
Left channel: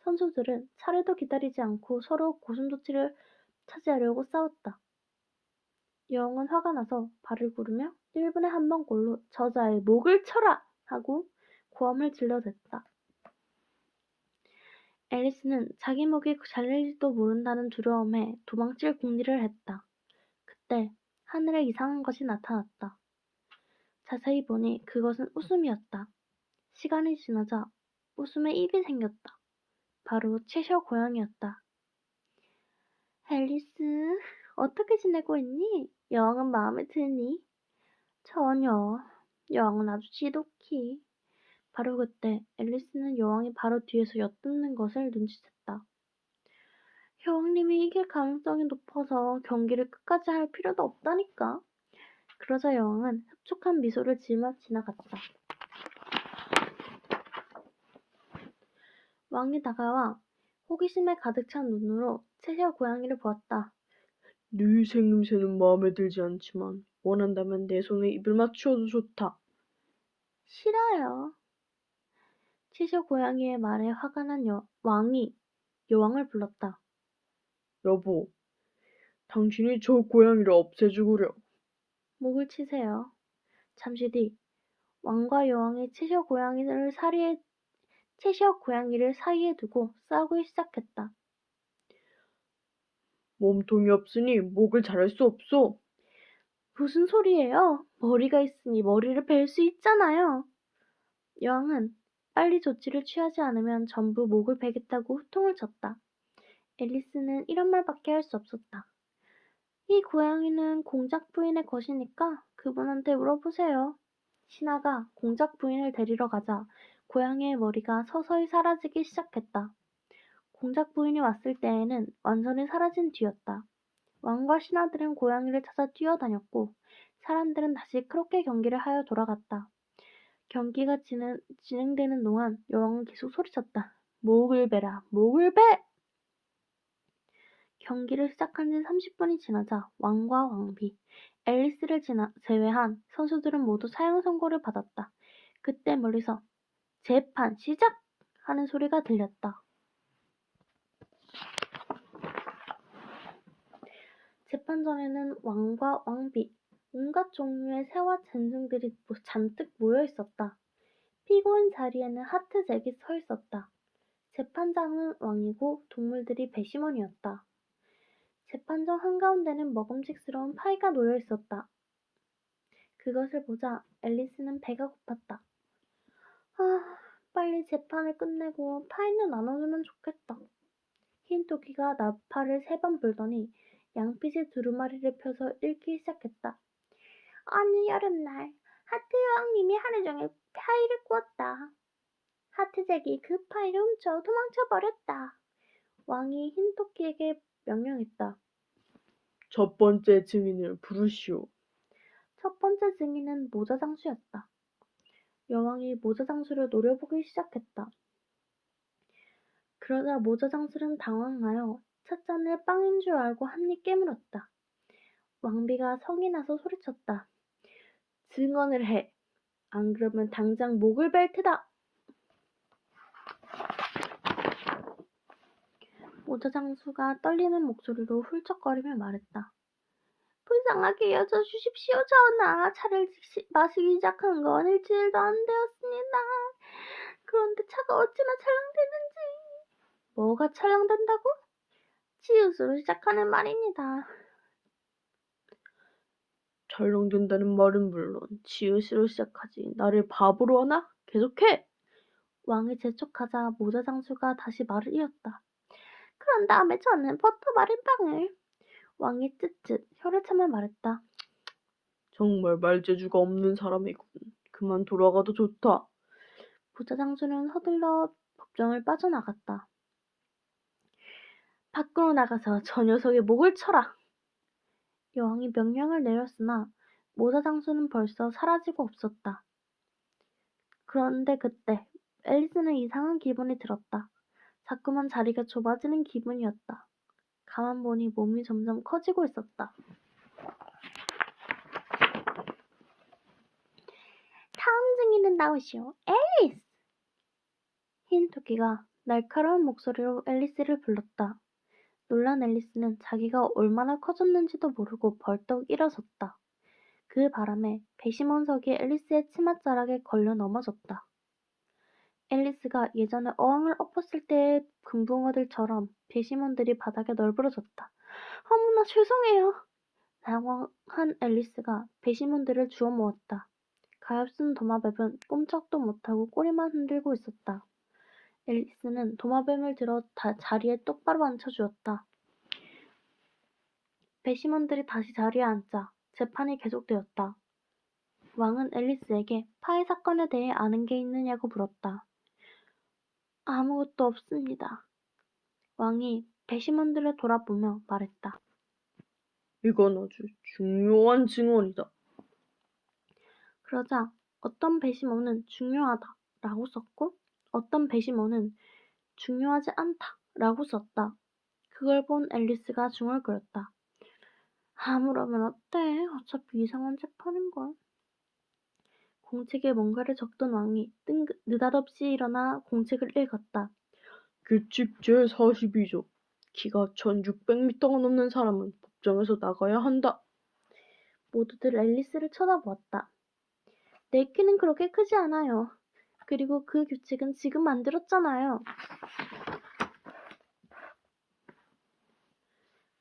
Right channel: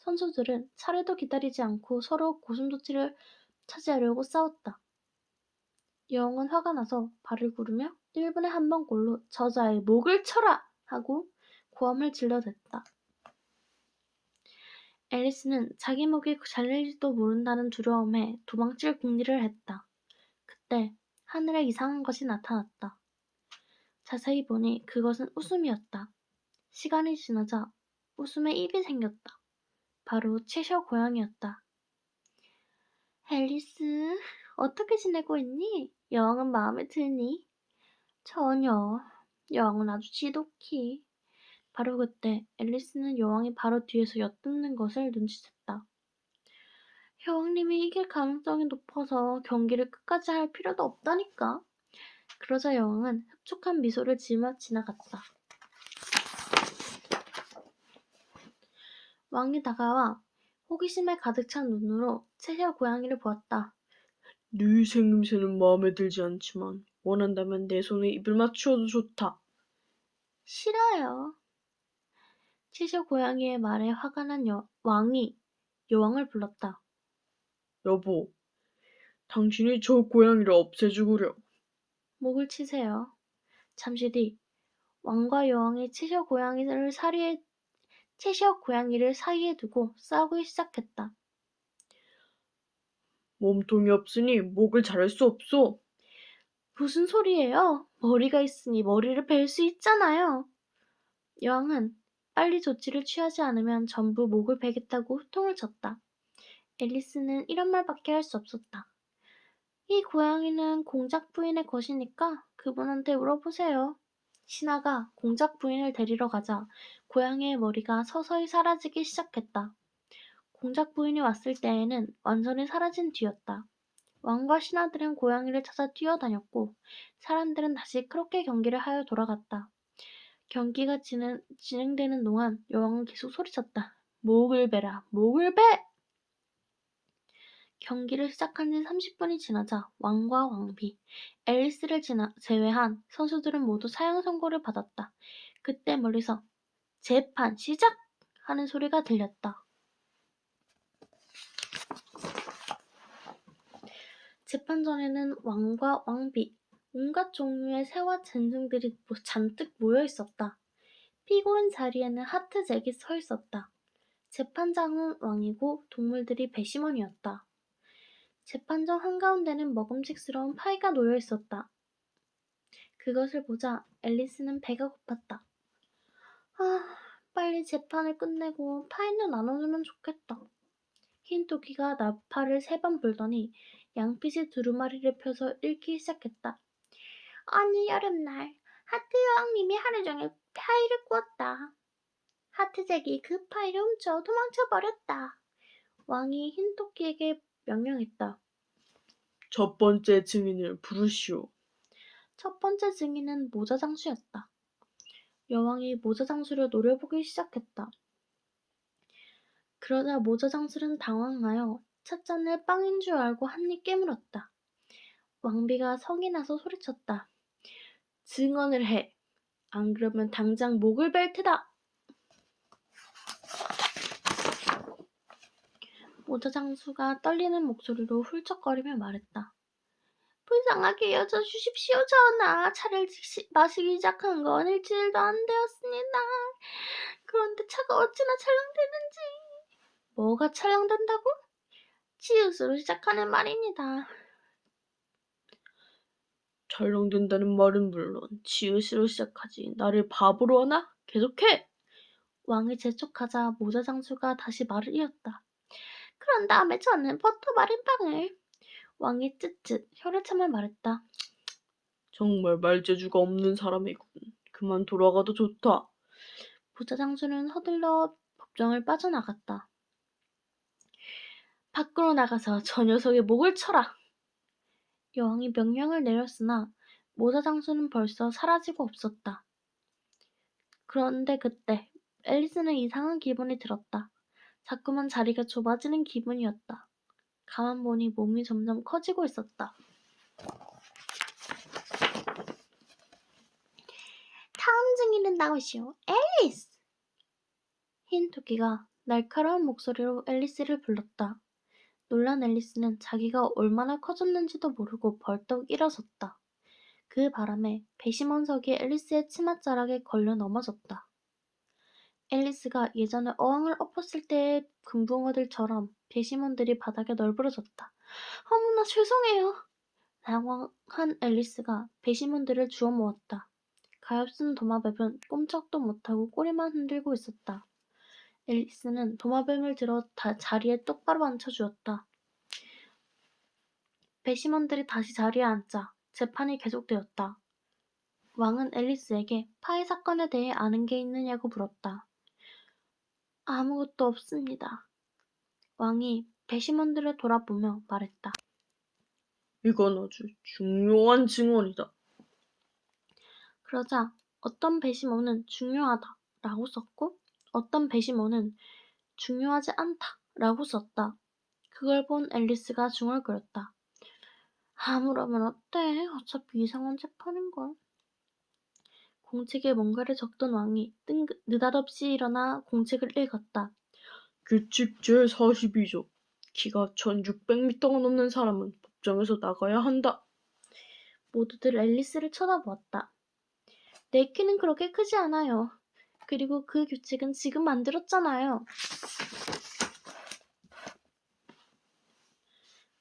선수들은 차례도 기다리지 않고 서로 고슴도치를 차지하려고 싸웠다. 여왕은 화가 나서 발을 구르며 1분에 한 번꼴로 저자의 목을 쳐라! 하고 고함을 질러댔다. 앨리스는 자기 목이 잘릴지도 모른다는 두려움에 도망칠 궁리를 했다. 그때 하늘에 이상한 것이 나타났다. 자세히 보니 그것은 웃음이었다. 시간이 지나자 웃음에 입이 생겼다. 바로 채셔 고양이였다. 앨리스, 어떻게 지내고 있니? 여왕은 마음에 드니? 전혀. 여왕은 아주 지독히. 바로 그때 앨리스는 여왕이 바로 뒤에서 엿듣는 것을 눈치챘다. 여왕님이 이길 가능성이 높아서 경기를 끝까지 할 필요도 없다니까. 그러자 여왕은 흡족한 미소를 지으며 지나갔다. 왕이 다가와 호기심에 가득 찬 눈으로 채셔 고양이를 보았다. 네 생김새는 마음에 들지 않지만 원한다면 내 손에 입을 맞추어도 좋다. 싫어요. 채셔 고양이의 말에 화가 난 왕이 여왕을 불렀다. 여보, 당신이 저 고양이를 없애주구려. 목을 치세요. 잠시 뒤 왕과 여왕이 채셔 고양이를 사이에 두고 싸우기 시작했다. 몸통이 없으니 목을 자를 수 없소. 무슨 소리예요? 머리가 있으니 머리를 벨 수 있잖아요. 여왕은 빨리 조치를 취하지 않으면 전부 목을 베겠다고 호통을 쳤다. 앨리스는 이런 말밖에 할 수 없었다. 이 고양이는 공작 부인의 것이니까 그분한테 물어보세요. 신하가 공작 부인을 데리러 가자 고양이의 머리가 서서히 사라지기 시작했다. 공작 부인이 왔을 때에는 완전히 사라진 뒤였다. 왕과 신하들은 고양이를 찾아 뛰어다녔고 사람들은 다시 크로켓 경기를 하여 돌아갔다. 경기가 진행되는 동안 여왕은 계속 소리쳤다. 목을 베라, 목을 베! 경기를 시작한 지 30분이 지나자 왕과 왕비, 앨리스를 제외한 선수들은 모두 사형 선고를 받았다. 그때 멀리서 재판 시작! 하는 소리가 들렸다. 재판전에는 왕과 왕비, 온갖 종류의 새와 짐승들이 잔뜩 모여 있었다. 피고인 자리에는 하트잭이 서 있었다. 재판장은 왕이고 동물들이 배심원이었다. 재판정 한가운데는 먹음직스러운 파이가 놓여 있었다. 그것을 보자 앨리스는 배가 고팠다. 빨리 재판을 끝내고 파이는 나눠주면 좋겠다. 흰 토끼가 나팔을 3번 불더니 양피지 두루마리를 펴서 읽기 시작했다. 어느 여름날 하트 여왕님이 하루 종일 파이를 구웠다. 하트잭이 그 파이를 훔쳐 도망쳐버렸다. 왕이 흰 토끼에게 명령했다. 첫 번째 증인을 부르시오. 첫 번째 증인은 모자장수였다. 여왕이 모자장수를 노려보기 시작했다. 그러자 모자장수는 당황하여 찻잔을 빵인 줄 알고 한 입 깨물었다. 왕비가 성이 나서 소리쳤다. 증언을 해. 안 그러면 당장 목을 벨 테다. 모자장수가 떨리는 목소리로 훌쩍거리며 말했다. 불쌍하게 여겨주십시오, 전하. 차를 마시기 시작한 건 일주일도 안 되었습니다. 그런데 차가 어찌나 촬영되는지. 뭐가 촬영된다고? 치읓으로 시작하는 말입니다. 촬영된다는 말은 물론 지읒으로 시작하지. 나를 바보로 하나? 계속해! 왕이 재촉하자 모자장수가 다시 말을 이었다. 그런 다음에 저는 버터 마른빵을. 왕이 쯧쯧 혀를 참아 말했다. 정말 말재주가 없는 사람이군. 그만 돌아가도 좋다. 모자장수는 서둘러 법정을 빠져나갔다. 밖으로 나가서 저 녀석의 목을 쳐라. 여왕이 명령을 내렸으나 모자장수는 벌써 사라지고 없었다. 그런데 그때 앨리스는 이상한 기분이 들었다. 자꾸만 자리가 좁아지는 기분이었다. 가만 보니 몸이 점점 커지고 있었다. 다음 증인은 나오시오. 앨리스! 흰 토끼가 날카로운 목소리로 앨리스를 불렀다. 놀란 앨리스는 자기가 얼마나 커졌는지도 모르고 벌떡 일어섰다. 그 바람에 배심원석이 앨리스의 치맛자락에 걸려 넘어졌다. 앨리스가 예전에 어항을 엎었을 때의 금붕어들처럼 배심원들이 바닥에 널브러졌다. 어머나 죄송해요. 당황한 앨리스가 배심원들을 주워 모았다. 가엾은 도마뱀은 꼼짝도 못하고 꼬리만 흔들고 있었다. 앨리스는 도마뱀을 들어 자리에 똑바로 앉혀주었다. 배심원들이 다시 자리에 앉자 재판이 계속되었다. 왕은 앨리스에게 파이 사건에 대해 아는 게 있느냐고 물었다. 아무것도 없습니다. 왕이 배심원들을 돌아보며 말했다. 이건 아주 중요한 증언이다. 그러자 어떤 배심원은 중요하다 라고 썼고 어떤 배심원은 중요하지 않다 라고 썼다. 그걸 본 앨리스가 중얼거렸다. 아무러면 어때? 어차피 이상한 재판인걸. 공책에 뭔가를 적던 왕이 느닷없이 일어나 공책을 읽었다. 규칙 제42조. 키가 1600m가 넘는 사람은 법정에서 나가야 한다. 모두들 앨리스를 쳐다보았다. 내 키는 그렇게 크지 않아요. 그리고 그 규칙은 지금 만들었잖아요.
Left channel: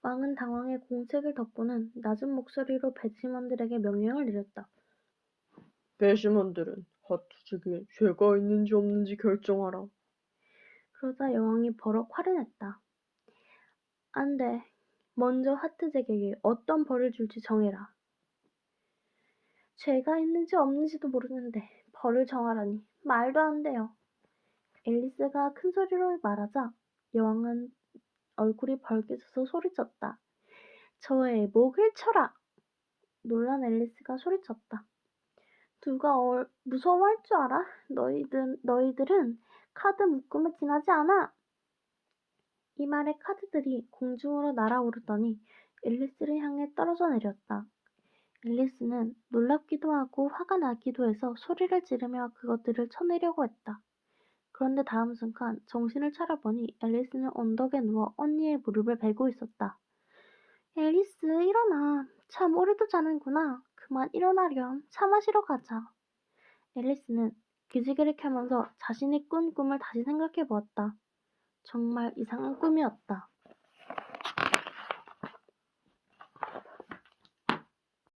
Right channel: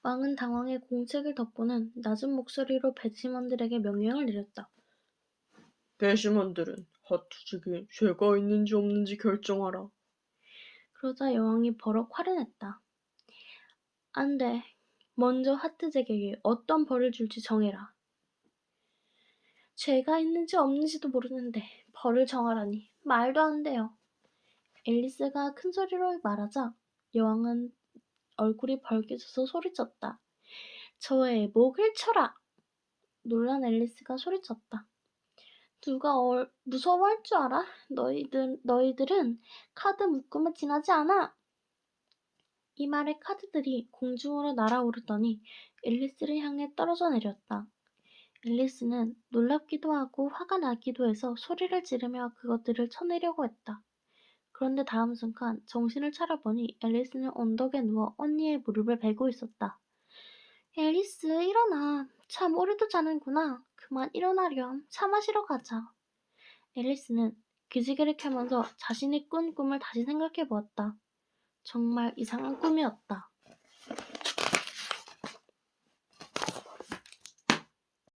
왕은 당황해 공책을 덮고는 낮은 목소리로 배심원들에게 명령을 내렸다. 배심원들은 하투직에 죄가 있는지 없는지 결정하라. 그러자 여왕이 버럭 화를 냈다. 안 돼. 먼저 하트잭에게 어떤 벌을 줄지 정해라. 죄가 있는지 없는지도 모르는데 벌을 정하라니 말도 안 돼요. 앨리스가 큰 소리로 말하자 여왕은 얼굴이 벌개져서 소리쳤다. 저의 목을 쳐라! 놀란 앨리스가 소리쳤다. 누가 무서워할 줄 알아? 너희들은 카드 묶음을 지나지 않아! 이 말에 카드들이 공중으로 날아오르더니 앨리스를 향해 떨어져 내렸다. 앨리스는 놀랍기도 하고 화가 나기도 해서 소리를 지르며 그것들을 쳐내려고 했다. 그런데 다음 순간 정신을 차려보니 앨리스는 언덕에 누워 언니의 무릎을 베고 있었다. 앨리스 일어나. 참 오래도 자는구나. 그만 일어나렴. 차 마시러 가자. 앨리스는 기지개를 켜면서 자신이 꾼 꿈을 다시 생각해 보았다. 정말 이상한 꿈이었다.